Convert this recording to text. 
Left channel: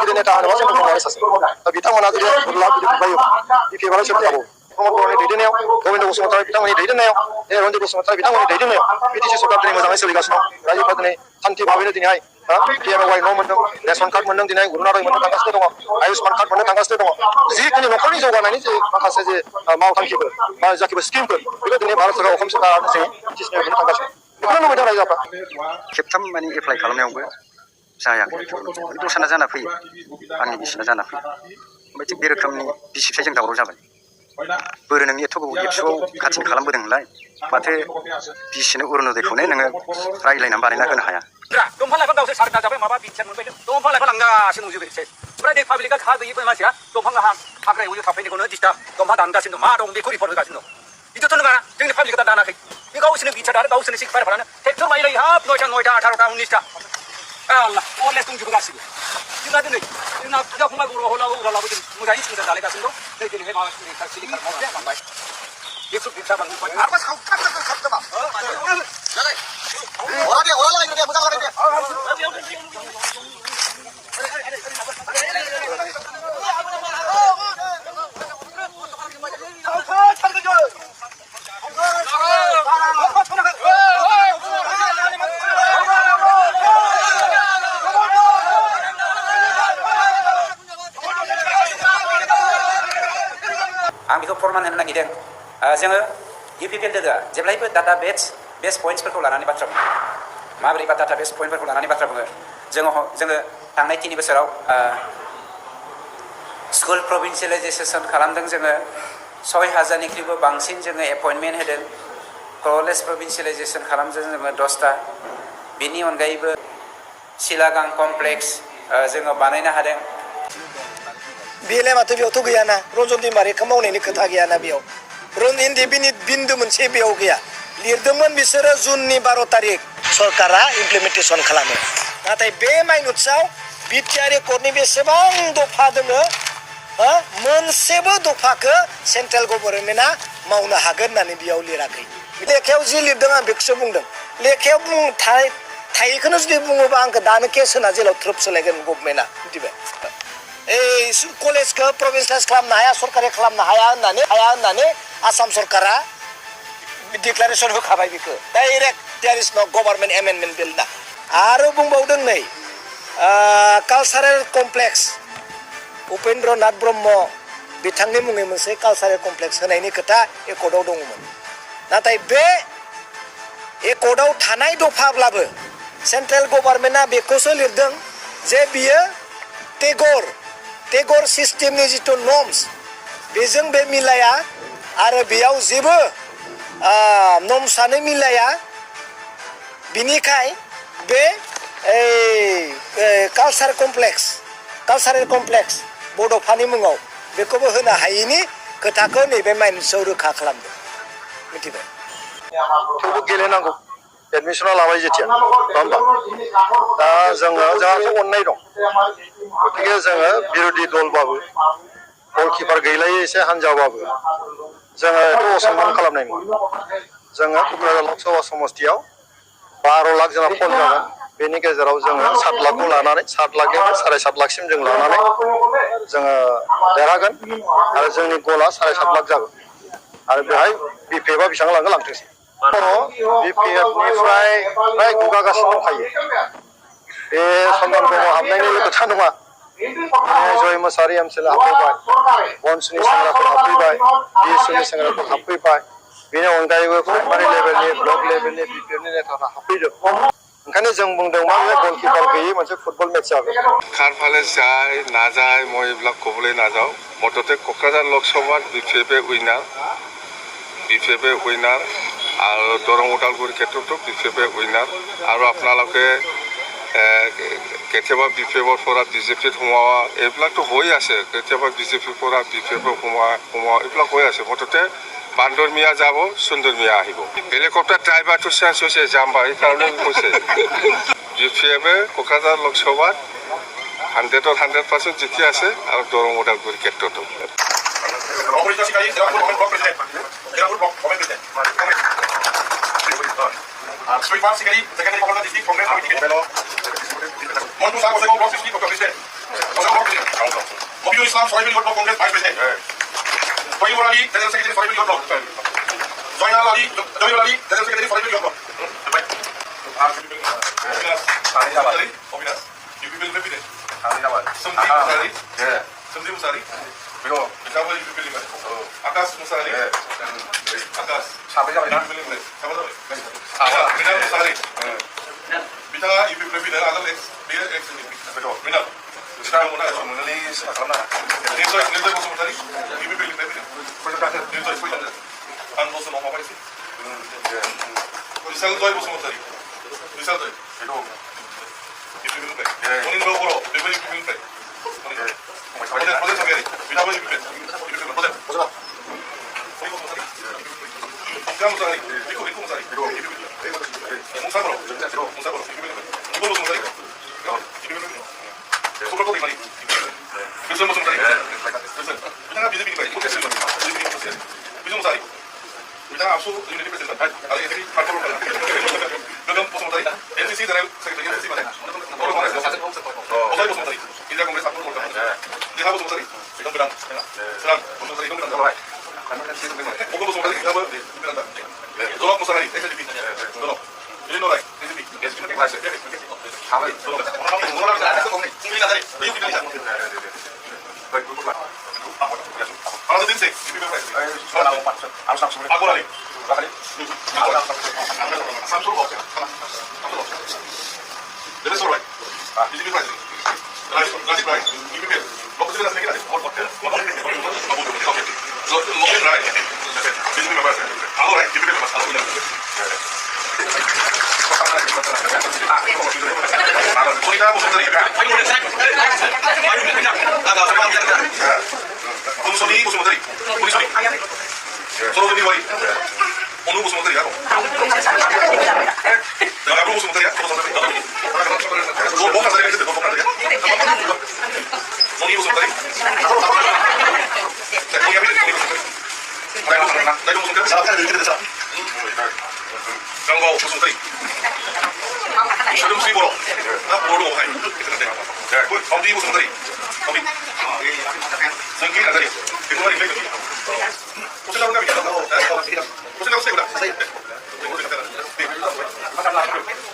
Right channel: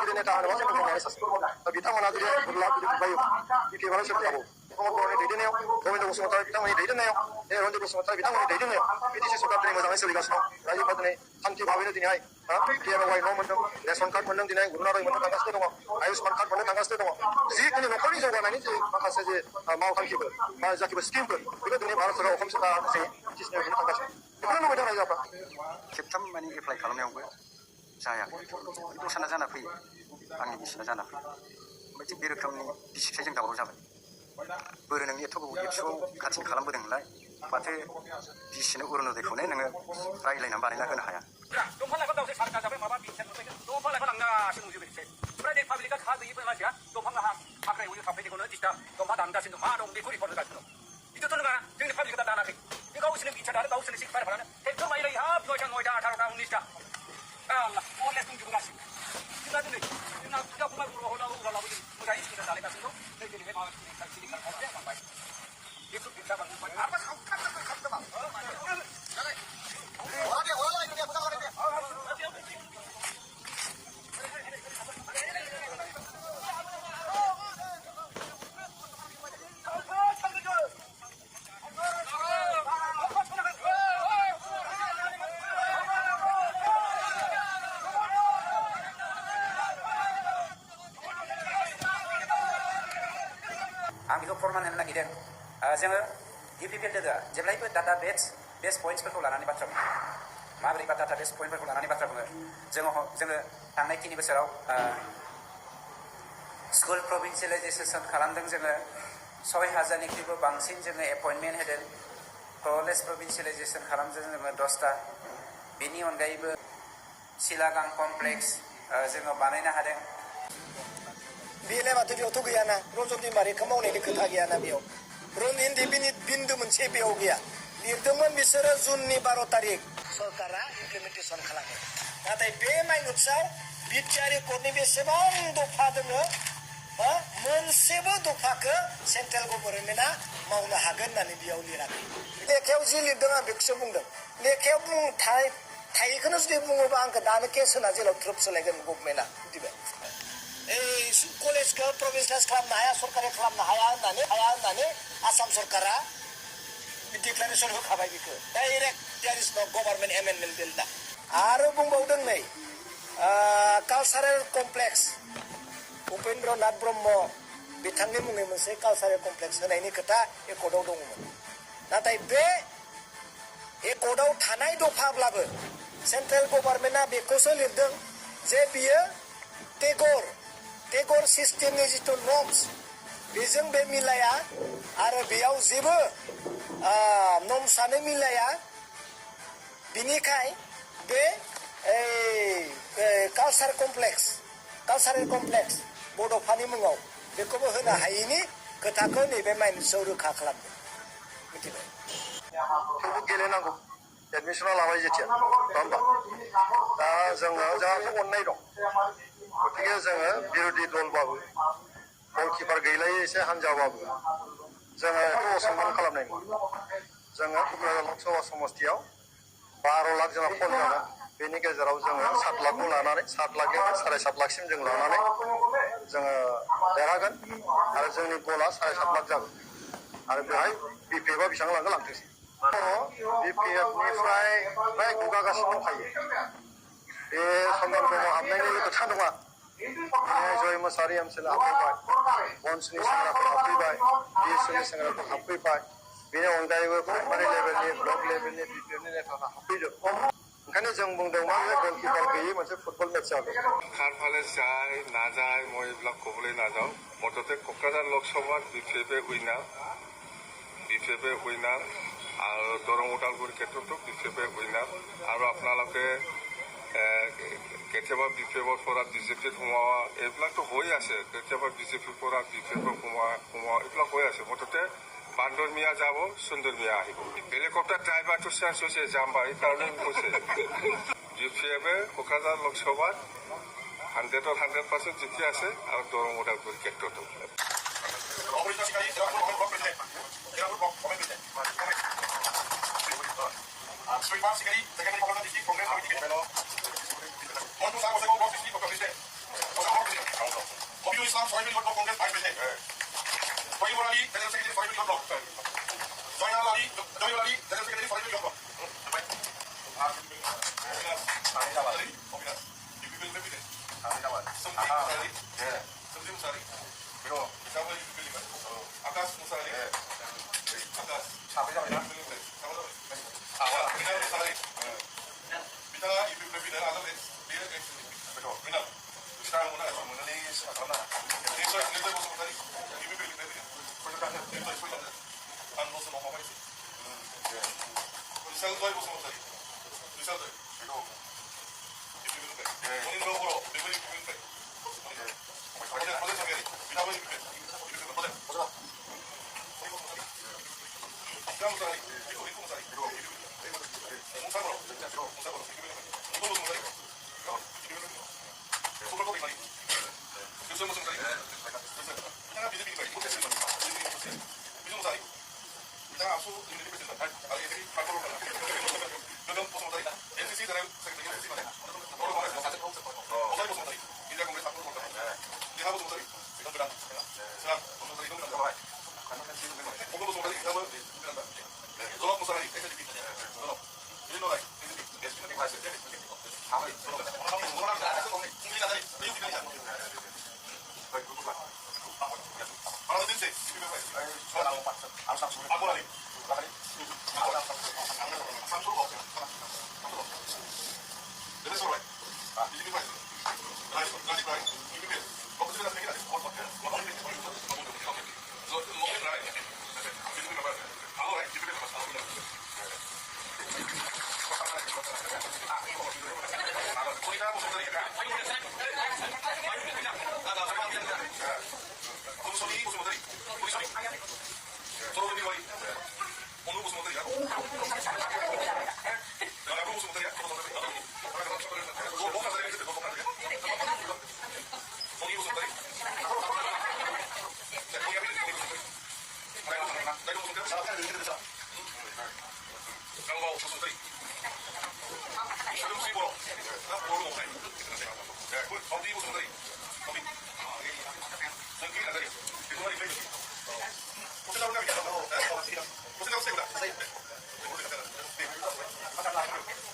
गिदिर नेता होनोबा सेन्ट्रेल गभर्नमेन्टनि सासे दा बिथांमोना जुदि गुरलाब जुदि बुबायो बिपिएफआनो सोबथाबो प्रमद बर'नि दैदेननायाव गबिन्द बसुमतारी बिथांमोननि दैदेननायाव रन्जित बसुमतारी बिथांमोननि दैदेननायाव बिटिसि सरकार दिनै मोजाङै सोलिगासिनो दं रायजोफ्रा दिनै सान्थि भाबैनो दिनैहाय पिएमएवाइ न' मोनदों रेशन कार्ड मोनदों दिनै अरुनोदय मोननो थांगासिनो दङ आयुष्मान कार्ड मोननो थांगासिनो दङ जिखिनि न'खरनि जौगानायनि जे माखासे जे मावथांखिफोर बा जाखिबो स्किमफोर बेखौ दिनै भारत सरकार असम सरकारा जों बिटिसिनिफ्राय मोननो थांगासिनो बेखौनो लुबैदों रायजोफ्रा खेबथाम माने एप्लाइ खालामनायावबो जायाखै दस्राना जाना फैयो आंनि बिसिना जाना फैयो ओमफ्राय थिग बे रोखोमनि बिसि फिसायजों दावराव जाबाय बोरो नोंनि एथ' गोबाव एबसुआव काटिं खालामबोदों नोंलाय माथो बिसिनो अरुनोदयखौनो नोङो रायज्लायनानै बानायना होनो हाया दंफां लाइफां दावसो सारगा जाबाय माबा बिचार मोनबाय दंफां लाइफां लांगासिनो दंजोबो ओमफ्राय दै पाब्लिकआ हा गैयि मानसिया दंफां हाग्रा एवनो थाफैनायखौनो डिस्टार्ब दंफां दानगासिनो दं मा दं बेखौ रिपर्ट होगासिनो दं बिदिथ' नङा जोंनि पाब्लिकआ दा दानाखै बे गावसोरनो बिचार आरो गावसोरनो सिक्सपायारफोरानो ट्रेक्टर माइलायो हाब 9टा 18टा 19टा आल्लाह अरलेस दंजोबो गासिबो जोंना दिनै जोंना फुजा फंबाय बर' हलाबो उरालाबो जों मोजाङै संसार जालायगासिनो दं नै दिनैहाय माबा सिलिंखार मावनाया बांबाय बेखौ बिचा बांबाय आरो सावथार आं बेखौ फोरमान होनो नागिरदों जोङो इउपिपिएल लोगोआ जेब्लायबो डाटा बेस पइन्ट्सफोरखौ लानानै बाथ्रा बुङो माबोरै बा डाटा बेस पइन्टफोरखौ लानानै बाथ्रा बुङो जोङो थांनाय 3 बोसोराव स्कुल प्रभिन्सियेलाइजेसन खालामदों जोङो 6000निख्रुइबो बांसिन जोङो एपइन्टमेन्ट होदों कलेज प्रभिन्सियेलाइजेसन खालामदों जोङो 10टा बेनि अनगायैबो सिलागां कमप्लेक्स जोङो बानायनो हादों बेलाय माथो बेयावथ' गैयाना रन्जन दैमारिखौ मावनायनि खोथा गैयाना बेयाव हिन्दी बिन्दु मोनसे बेयाव गैया लिरदोंमोन बिसोरो जुननि 12 तारिख सरकारा इमप्लिमेन्टेसन खालामो नाथाय बे माइनुट्सआव बिटिआर रेकर्डनि बेसेबां दफा दोङो मोनसेबो दफाखौ सेन्ट्रेल गभर्नमेन्टआ मावनो हागोन होननानै बेयाव लिराखै लेखायाव जि लिरदों आं बेखौसो बुंदों लेखायाव थायैखौनो जुदि बुङोबा आंखौ दानो केस होना जेलाव थ्रोब सोलायगोन गभर्नमेन्टआ मिथिबाय कलेजखौ प्रभिन्सियेलाइज खालामनो हाया सरकारि खालामनो हाया होननानै आसाम सरकारा डिक्लारेसन होखाबाय बेखौ डाइरेक्ट देयार इज नो गभर्नमेन्ट एमेन्डमेन्ट बिल ना आरो बुंबावदों नै कालचारेल कमप्लेक्स उपेन्द्र नाथ ब्रह्म बिथांनि मुङै मोनसे कालचारेल कमप्लेक्स होनायनि खोथा एकर्डआव दङमोन नाथाय बे एकर्डआव थानाय दफाब्लाबो सेन्ट्रेल गभर्नमेन्टआ बेखौसो लिरदों जे बियो टेगर सिस्टेमनि जिथु नर्म्स बेजों बे मिलाया आरो बेयाव जेबो नर्म्सआनो मिलाया बिनिखाय बे कालचारेल कमप्लेक्स बड'फानि मुङाव बेखौबो होनो हायैनि खोथाखौ नैबे माइनुट्सआव रोखा खालामदों मिथिबाय थेवबो गेलेनांगौ एडमिसना लाबाय जेथिया नङा होमबा दा जोंहाथ' अननाय दं गतिके जोङो बिरोधि दलबाबो गलकिपार गैलायै एसे हान्जाबाबो जोङो एथ' असनमान खालामनाय नङा जोङो क'क्राझार लकसभा समस्तियाव 12 लाख जोंहा फल जागोन बेनि गेजेराव जोङो 7 लाखखौ लानानै 7 लाखनिफ्राय 7.5 लाखसिम जों लानानै जोङो देरहागोन आरो जोंनि गला 7.5 लाख जागोन आरो बेहाय बिपिएफआ बेसेबां लाङो लांथोंसै बिपिएफनिफ्राय फ्राय गुगागासिनो दंखायो बे सनमान ब्रह्म हाबनायनिल' खोथा नङा जय मुसाहारि एमसिएलए हाबफैबाय बनसुनि सेंग्राफोर हाबफैबाय बिएसएफनि सेंग्राफोर हाबफैबाय बेनि अनगायैबो प्राइमारि लेभेलनि ब्लक लेभेलनि बिपिएफनि नेताफ्रा हाबफैदों ओंखायनो जों बुंदों मा बे गलकिपार गैयै मोनसे फुटबल मेच जागोन खारफाले जाय नाजाय মই এইবিলাক ক'বলৈ নাযাওঁ মুঠতে কোকৰাঝাৰ লোকসভাত বিপিএফে উইনাৰ আৰু দৰং ওদালগুৰি ক্ষেত্ৰতো বিপিএফে উইনাৰ আৰু আপোনালোকে কেতিয়াবা বিপিএফৰ পৰা বিজেপিত সোমোৱা এইবিলাকতো হৈ আছে কেতিয়াবা বিজেপিৰ পৰা বিপিএফত সোমোৱা এইবিলাক হৈ আছে মুঠতে বান্দৰ মিয়া যাব সুন্দৰ মিয়া আহিব হেলিকপ্টাৰ ড্ৰাইভাৰটো চেঞ্জ হৈছে যাম বা সেইকাৰণে কৈছে বিপিএফে কোকৰাঝাৰ লোকসভাত 100% জিকি আছে আৰু দৰং ওদালগুৰি ক্ষেত্ৰতো Soy Juan Sigari, secretario de Distrito Congress Committee de Montu Sago, Block 60, Islam Sohibul Yotbok Congress Vice President. Sohibul Ali, General Secretary Sohibul Yotbok. Zainal Ali, Jalil Ali, General Secretary Sohibul Yotbok. Obinas, Ibu President. Sumdi Musari. 그리고 자본 이비 빌리면 아까스 무사리 아까스 사배가 이비 빌리면 자본 그냥 무사리 비타가 이비 빌리면 아까 엑스 비에 엑스 그리고 미나 시간 보나 좀 릴리스 하나 내서 무슨 무사리 이비 빌리면 내서 보이는데 안 무슨 뭐 말이지 우리 살도에 무슨 무사리 우리 살도에 그리고 이비 빌리면 본인 로고로 이비 빌리면 어제 정해리 미나버리 비펜 어제 보자 이거 무사리 이거 무사리 이거 무사리 그리고 몽사로 몽사로 이거 무사리 이거 소글도 이만이 그래서 무슨 무사리 그래서 그냥 비즈비가 이거 됐을 거니까 비즈 무사리 그냥 앞서 이렇게 됐다 아니 애들이 발표를 하라 그럼 무슨 무사리 NCC 드라이브 세계적인 NCC만 해 뭐라고 말해 무사리 무슨 무사리 인자 공부에서 앞으로 올 거야 내가 무슨 무사리 이건 그랑 그랑 무슨 무사리 이건 그랑 나와 오고 무슨 무사리 이거 그랑 나 너랑 무슨 무사리 SLP 너랑 일노라이 SLP SLP 때 가서 가만히 너랑 안 해서 먹네 중국이나 다리 미국 비밀이야 하나도 든세 비밀 아고라리 삼수로 없어 레베소로 라이 비즈니스 라이 라이스 라이 비밀 먹고 싶은 생각이 나지 뭘 어때 먹는 라이 비즈니스 라이 아고라리 비밀 맞아 소리가 무슨 소리 무슨 소리 무슨 소리 우리 소리 서로 소리 와이 오늘 무슨 소리야 내가 앞으로 무슨 소리야 무슨 소리 너 뭐가 소리야 근데 너 뭐가 소리야 너니 무슨 소리 거기 앞에 거기 무슨 소리 나이 무슨 소리 자 이렇게 됐어 장고 무슨 소리 시험 수입으로 나 모르고 하이 그런데 범디 무슨 소리 범디 성기 나다리 그 말이 왜 그러냐 고생하는 거 아니야 고생하고 세구나 고생하고 세구나